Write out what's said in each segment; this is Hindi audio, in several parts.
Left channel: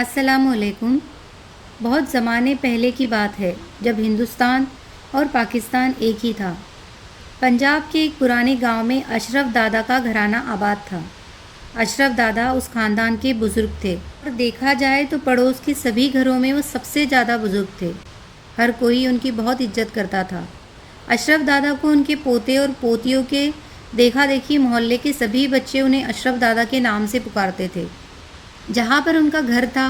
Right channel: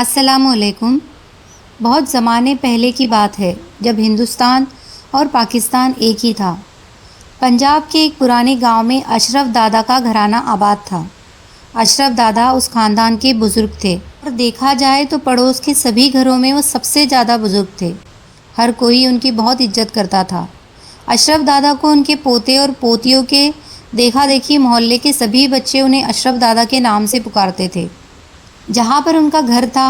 अस्सलामुअलैकुम। बहुत ज़माने पहले की बात है जब हिंदुस्तान और पाकिस्तान एक ही था। पंजाब के एक पुराने गांव में अशरफ दादा का घराना आबाद था। अशरफ दादा उस ख़ानदान के बुज़ुर्ग थे और देखा जाए तो पड़ोस के सभी घरों में वो सबसे ज़्यादा बुज़ुर्ग थे। हर कोई उनकी बहुत इज्जत करता था। अशरफ दादा को उनके पोते और पोतियों के देखा देखी मोहल्ले के सभी बच्चे उन्हें अशरफ दादा के नाम से पुकारते थे। जहाँ पर उनका घर था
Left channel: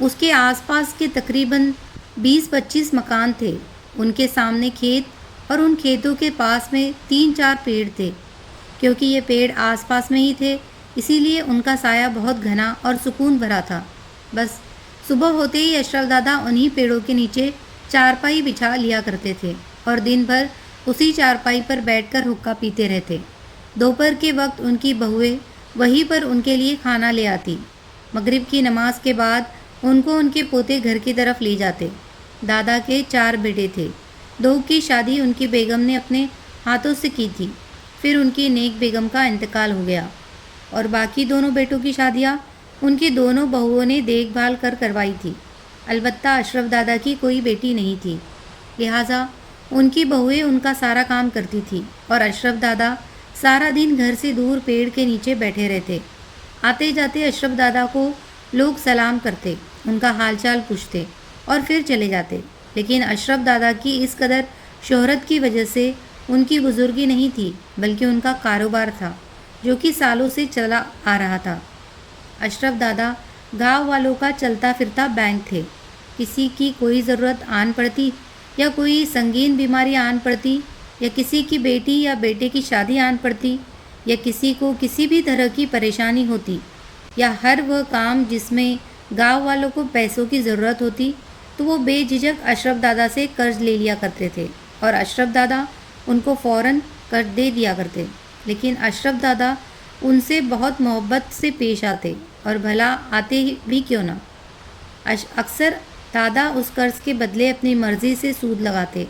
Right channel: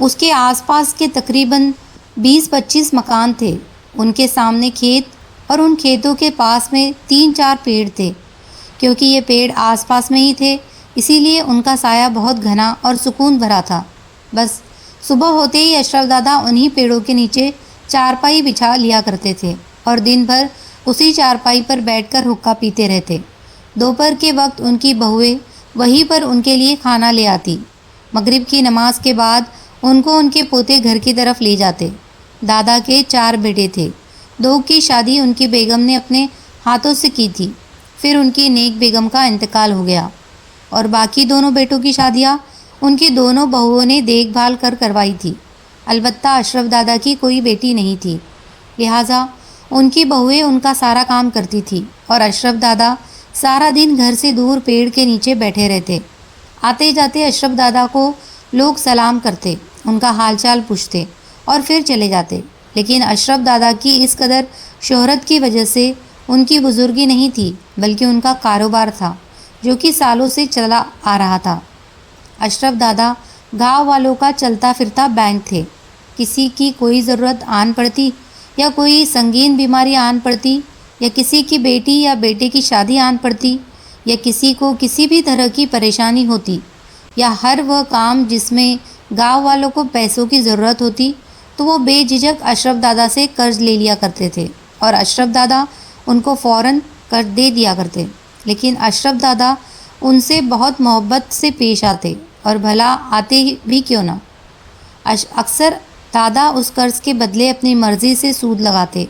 उसके आसपास के तकरीबन 20-25 मकान थे। उनके सामने खेत और उन खेतों के पास में 3-4 पेड़ थे। क्योंकि ये पेड़ आसपास में ही थे इसीलिए उनका साया बहुत घना और सुकून भरा था। बस सुबह होते ही अशरफ दादा उन्हीं पेड़ों के नीचे चारपाई बिछा लिया करते थे और दिन भर उसी चारपाई पर बैठकर हुक्का पीते रहते। दोपहर के वक्त उनकी बहुएं वहीं पर उनके लिए खाना ले आती। मगरिब की नमाज के बाद उनको उनके पोते घर की तरफ ले जाते। दादा के 4 बेटे थे। 2 की शादी उनकी बेगम ने अपने हाथों से की थी। फिर उनकी नेक बेगम का इंतकाल हो गया और बाकी दोनों बेटों की शादियां उनकी दोनों बहुओं ने देखभाल कर करवाई थी। अलबत्ता अशरफ दादा की कोई बेटी नहीं थी, लिहाजा उनकी बहुएं उनका सारा काम करती थी और अशरफ दादा सारा दिन घर से दूर पेड़ के नीचे बैठे रहते। आते जाते अशरफ दादा को लोग सलाम करते, उनका हालचाल पूछते और फिर चले जाते। लेकिन अशरफ दादा की इस कदर शोहरत की वजह से उनकी बुजुर्गी नहीं थी बल्कि उनका कारोबार था जो कि सालों से चला आ रहा था। अशरफ दादा गांव वालों का चलता फिरता बैंक थे। किसी की कोई ज़रूरत आन पड़ती या कोई संगीन बीमारी आन पड़ती या किसी की बेटी या बेटे की शादी आन पड़ती या किसी को किसी भी तरह की परेशानी होती या हर वह काम जिसमें गांव वालों को पैसों की ज़रूरत होती तो वो बेझिझक अशरफ दादा से कर्ज ले लिया करते थे और अशरफ दादा उनको फ़ौरन कर्ज दे दिया करते। लेकिन अशरफ दादा उनसे बहुत मोहब्बत से पेश आते और भला आते भी क्यों ना। अक्सर दादा उस कर्ज के बदले अपनी मर्ज़ी से सूद लगाते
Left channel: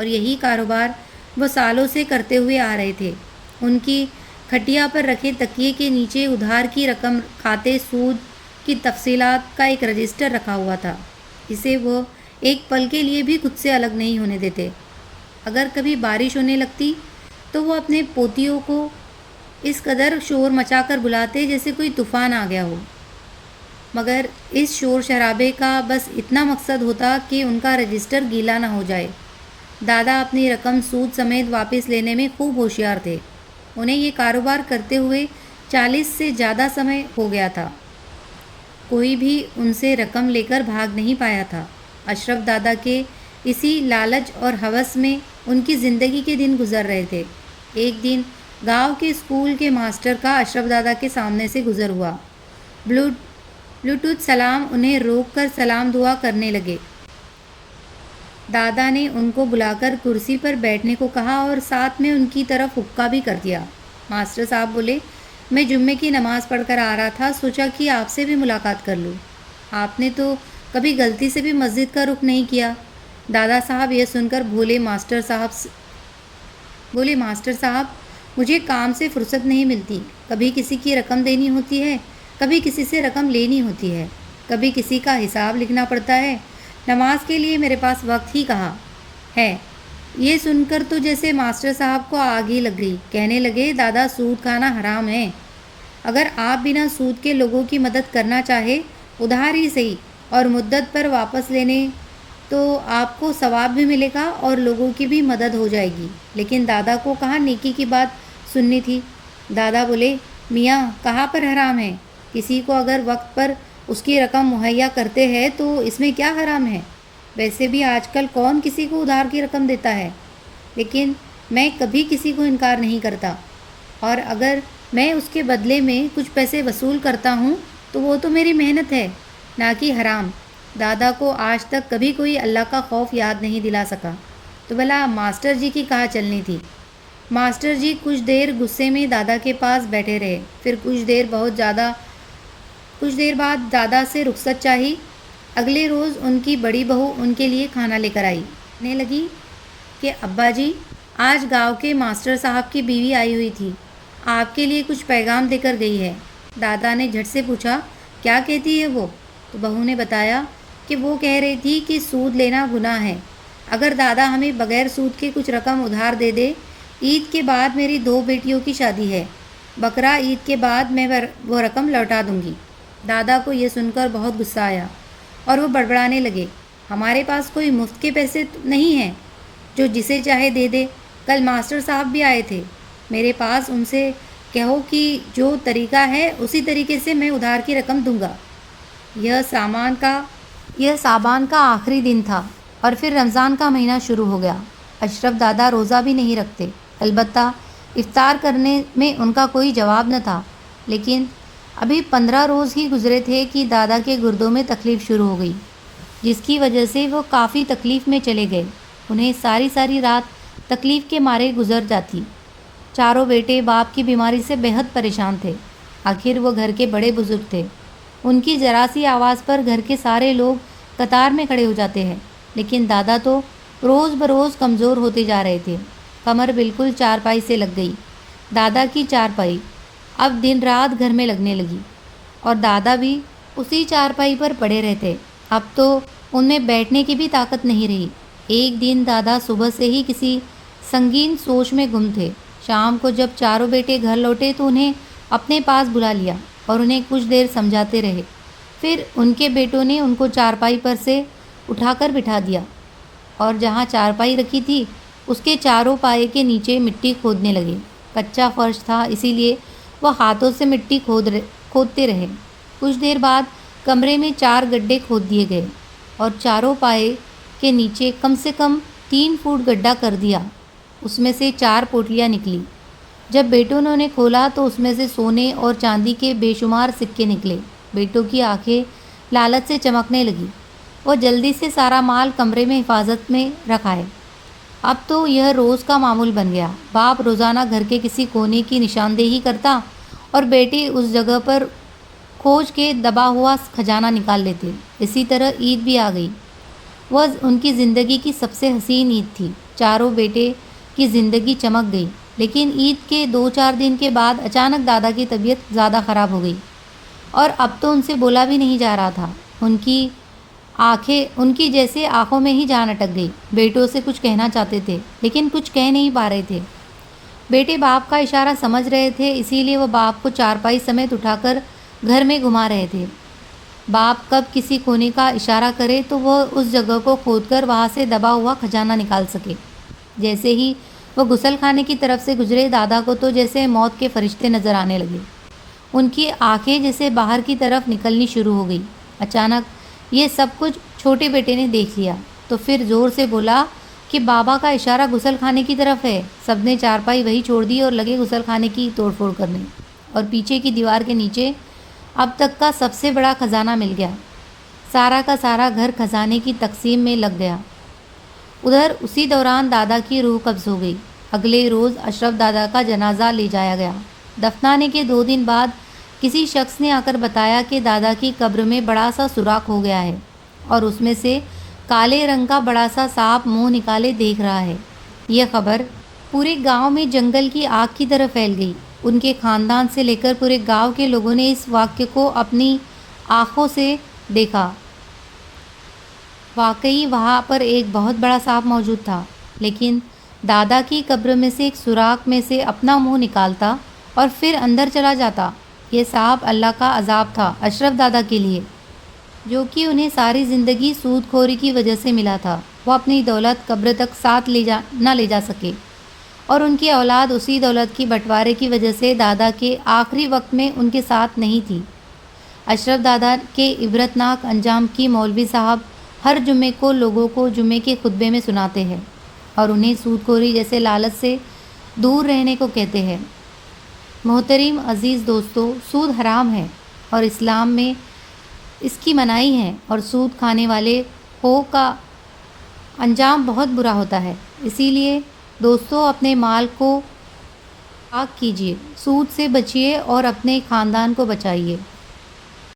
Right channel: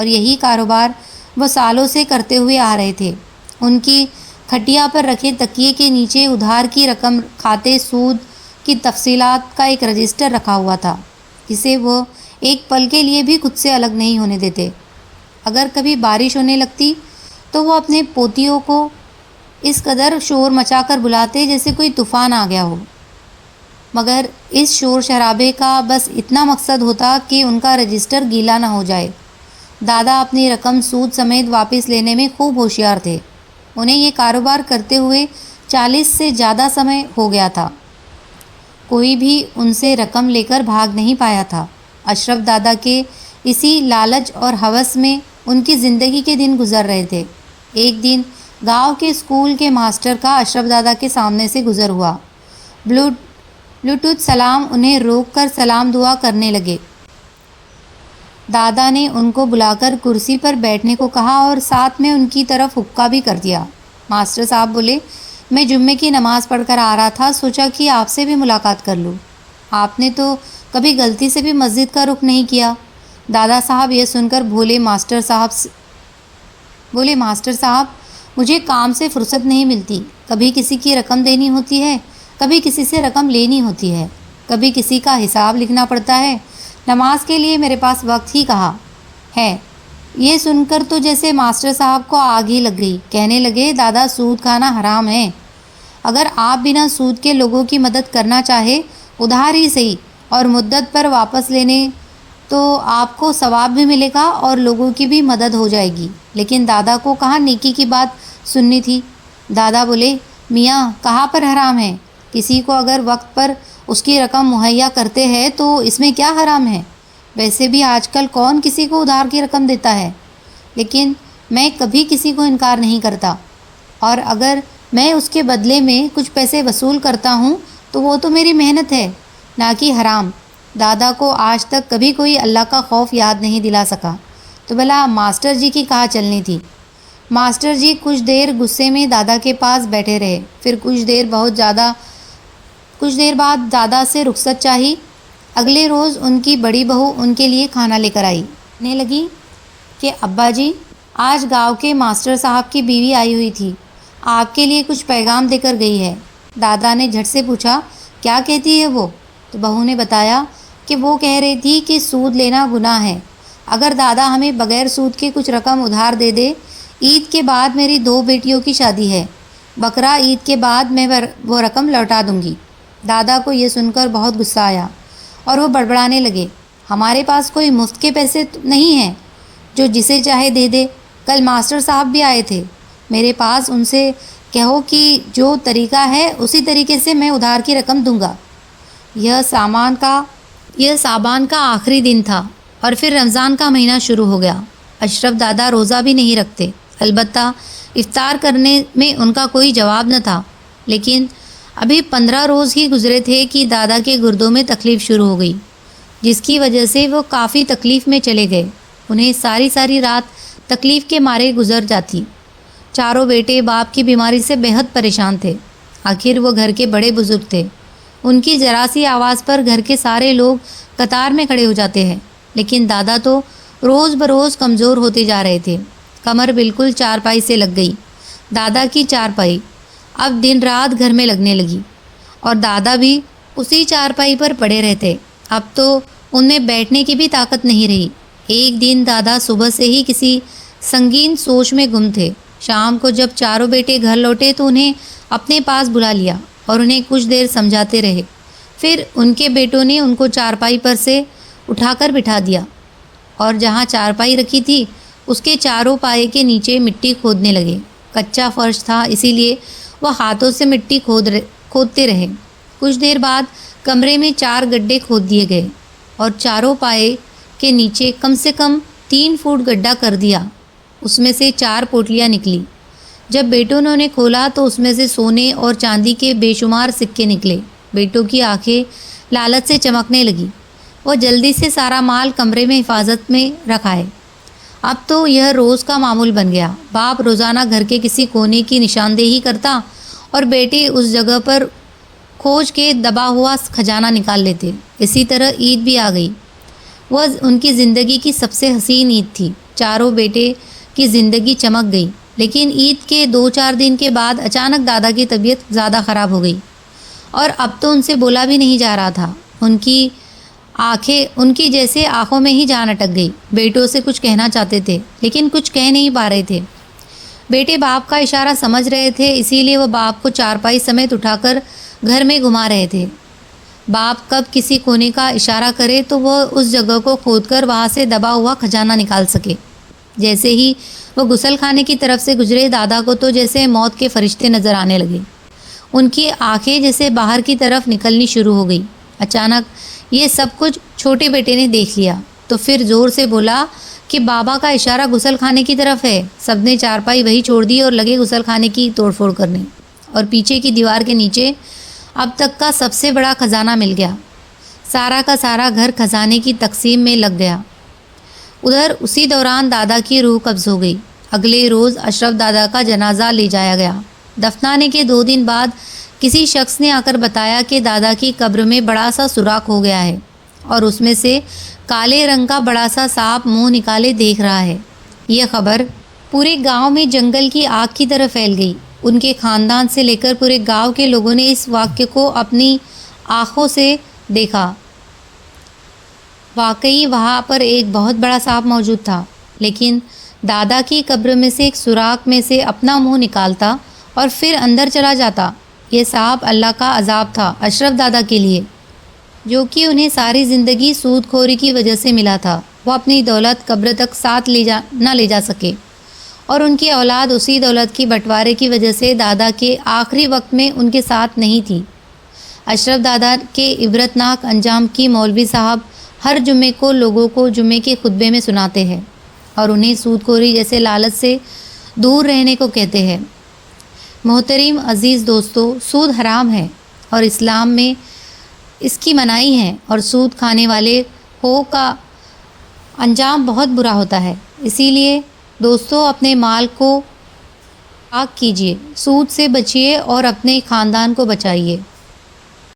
और यही कारोबार वो सालों से करते हुए आ रहे थे। उनकी खटिया पर रखे तकिए के नीचे उधार की रकम खाते सूद की तफसीलात का एक रजिस्टर रखा हुआ था जिसे वो एक पल के लिए भी खुद से अलग नहीं होने देते। अगर कभी बारिश होने लगती तो वो अपने पोतियों को इस कदर शोर मचाकर बुलाते जैसे कोई तूफ़ान आ गया हो, मगर इस शोर शराबे का बस इतना मकसद होता कि उनका रजिस्टर गीला ना हो जाए। दादा अपनी रकम सूद समेत वापस लेने में खूब होशियार थे। उन्हें ये कारोबार करते हुए 40 से ज़्यादा समय हो गया था। कोई भी उनसे रकम लेकर भाग नहीं पाया था। अशरफ दादा के इसी लालच और हवस में उनकी ज़िंदगी के दिन गुजर रहे थे। एक दिन गांव के स्कूल के मास्टर का अशरफ दादा के सामने से गुजर हुआ। ब्लूटूथ सलाम उन्हें रोककर सलाम दुआ करने लगे। दादा ने उनको बुलाकर कुर्सी पर बैठने को कहा और साथ में उनकी तरफ हुक्का भी कर दिया। मास्टर साहब बोले, मैं जुम्मे की नमाज़ पढ़कर आ रहा था, सोचा कि आपसे भी मुलाकात कर लूँ। आपने तो कभी गलती से भी मस्जिद का रुख नहीं किया। दादा साहब यह सुनकर बोले, मास्टर साहब मुझे काम से फुर्सत नहीं मिलती। कभी किसी की रकम देनी होती है, कभी किसी से रकम लेनी होती है, कभी किसी का हिसाब लिखना पड़ता है। नमाज के लिए मेरे पास वक्त ही कहाँ है। ये सुनकर तो जैसे मास्टर साहब को आग ही लग गई। कहने लगे, दादा सूद खाना हराम है। अगर आप बिना सूद के लोगों की मदद करना चाहे, उधार ही सही और मुद्दत पर वापस लेने, तो आपको सवाब भी मिलेगा और लोगों की भी मदद हो जाएगी। लेकिन दादा को कहाँ नेकी की बात सुननी थी। दादा बोले, मियाँ कहाँ पर हराम है। किसी को अगर वक्त पर उसकी रकम मुहैया करते हैं तो इसमें क्या हराम है। वैसे भी आजकल कौन किसी को उधार की रकम देता है। लेकिन मैं कभी किसी को इनकार नहीं करता और अगर मैं उसके बदले में कुछ पैसे वसूल करता हूँ तो वो तो मेरी मेहनत है, ना कि हराम। दादा को आज तक कभी कोई अल्लाह का खौफ याद नहीं दिला सका तो भला मास्टर जी की कहाँ चलनी थी। मास्टर जी कुछ देर गुस्से में दादा के पास बैठे रहे। फिर कुछ देर बाद दादा से रुखसत चाही। अगले रोज़ उनकी बड़ी बहू उनके लिए खाना लेकर आई। कहने लगी कि अब्बा जी, आज गांव के मास्टर साहब की बीवी आई हुई थी, आपके लिए कुछ पैगाम देकर गई है। दादा ने झट से पूछा, क्या कहती है वो। तो बहू ने बताया कि वो कह रही थी कि सूद लेना गुनाह है। अगर दादा हमें बगैर सूद के कुछ रकम उधार दे दे। ईद के बाद मेरी 2 बेटियों की शादी है। बकरा ईद के बाद मैं वो रकम लौटा दूंगी। दादा को ये सुनकर बहुत गुस्सा आया और वो बड़बड़ाने लगे, हमारे पास कोई मुफ्त के पैसे नहीं हैं जो जिसे चाहे दे दे। कल मास्टर साहब भी आए थे मेरे पास, उनसे कहो कि जो तरीका है उसी तरीके से मैं उधार की रकम दूंगा। यह साबान का आखिरी दिन था और फिर रमज़ान का महीना शुरू हो गया। अशरफ दादा रोज़ा भी नहीं रखते, अलबत्ता इफ्तार करने में उनका कोई जवाब न था। लेकिन अभी 15 रोज़ ही गुजरे थे कि दादा के गुर्दों में तकलीफ़ शुरू हो गई, जिसकी वजह से वो काफ़ी तकलीफ़ में चले गए। उन्हें सारी सारी रात तकलीफ़ के मारे गुजर जाती। चारों बेटे बाप की बीमारी से बेहद परेशान थे। आखिर वो घर के बड़े बुजुर्ग थे। उनकी जरा सी आवाज़ पर घर के सारे लोग कतार में खड़े हो जाते हैं। लेकिन दादा तो रोज़ बरोज़ कमज़ोर होते जा रहे थे। कमर बिल्कुल चारपाई से लग गई। दादा की चारपाई अब दिन रात घर में लगने लगी और दादा भी उसी चारपाई पर पड़े रहते। अब तो उनमें बैठने की भी ताकत नहीं रही। एक दिन दादा सुबह से ही किसी संगीन सोच में गुम थे। शाम को जब चारों बेटे घर लौटे तो उन्हें अपने पास बुला लिया और उन्हें कुछ देर समझाते रहे। फिर उनके बेटों ने उनको चारपाई पर से उठाकर बिठा दिया और जहाँ चारपाई रखी थी उसके चारों पाए के नीचे मिट्टी खोदने लगे। कच्चा फर्श था, इसीलिए वह हाथों से मिट्टी खोदते रहे। कुछ देर बाद कमरे में 4 गड्ढे खोद दिए गए और चारों पाए के नीचे कम से कम 3 फुट गड्ढा कर दिया। उसमें से 4 पोटलियाँ निकली। जब बेटों ने उन्हें खोला तो उसमें से सोने और चांदी के बेशुमार सिक्के निकले। बेटों की आंखें लालच से चमकने लगी। वो जल्दी से सारा माल कमरे में हिफाजत में रखाए। अब तो यह रोज़ का मामूल बन गया। बाप रोज़ाना घर के किसी कोने की निशानदेही करता और बेटे उस जगह पर खोज के दबा हुआ खजाना निकाल लेते। इसी तरह ईद भी आ गई। वह उनकी ज़िंदगी की सबसे हसीन ईद थी। चारों बेटे की ज़िंदगी चमक गई। लेकिन ईद के 2-4 दिन के बाद अचानक दादा की तबीयत ज़्यादा ख़राब हो गई और अब तो उनसे बोला भी नहीं जा रहा था। उनकी जैसे आंखों में ही जान अटक गई। बेटों से कुछ कहना चाहते थे लेकिन कुछ कह नहीं पा रहे थे। बेटे बाप का इशारा समझ रहे थे, इसीलिए वह बाप को चारपाई समेत उठाकर घर में घुमा रहे थे। बाप कब किसी कोने का इशारा करे तो वह उस जगह को खोदकर वहाँ से दबा हुआ खजाना निकाल सके। जैसे ही वह गुसल खाने की तरफ से गुजरे, दादा को तो जैसे मौत के फरिश्ते नज़र आने लगे। उनकी आंखें जैसे बाहर की तरफ निकलनी शुरू हो गई। अचानक ये सब कुछ छोटे बेटे ने देख लिया तो फिर ज़ोर से बोला कि बाबा का इशारा गुसल खाने की तरफ है। सबने चारपाई वही छोड़ दी और लगे गुसल खाने की तोड़फोड़ करने। और पीछे की दीवार के नीचे अब तक का सबसे बड़ा खजाना मिल गया। सारा का सारा घर खजाने की तकसीम में लग गया। उधर उसी दौरान दादा की रूह कब्ज़ हो गई। अगले रोज़ अशरफ दादा का जनाजा ले जाया गया। दफनाने के 2 दिन बाद किसी शख्स ने आकर बताया कि दादा की कब्र में बड़ा सा सुराख हो गया है और उसमें से काले रंग का बड़ा सा सांप मुंह निकाले देख रहा है। यह खबर पूरे गांव में जंगल की आग की तरह फैल गई। उनके ख़ानदान से लेकर पूरे गांव के लोगों ने इस वाक़ये को अपनी आँखों से देखा। वाकई वहाँ पर एक बहुत बड़ा सांप मौजूद था, लेकिन दादा की कब्र में से एक सुराख में से अपना मुंह निकालता और फिर अंदर चला जाता। ये सांप अल्लाह का अजाब था अशरफ दादा के लिए, जो कि उन्हें सारी ज़िंदगी सूदखोरी की वजह से मिला था। वह अपनी दौलत कब्र तक साथ ले जा सके और उनकी औलाद उसी दौलत की बंटवारे की वजह से दादा के आखिरी वक्त में उनके साथ नहीं थी। अशरफ दादा के इबरतनाक अंजाम की मौलवी साहब हर जुम्मे को लोगों को जुम्मे के खुतबे में सुनाते हैं और उन्हें सूदखोरी जैसे लालच से दूर रहने को कहते हैं। मोहतरम अज़ीज़ दोस्तों, सूद हराम है और इस्लाम में इसकी मनाही है और सूद खाने वाले का अंजाम बहुत बुरा होता है। इसीलिए दोस्तों, अपने माल को पाक कीजिए, सूद से बचिए और अपने ख़ानदान को बचाइए।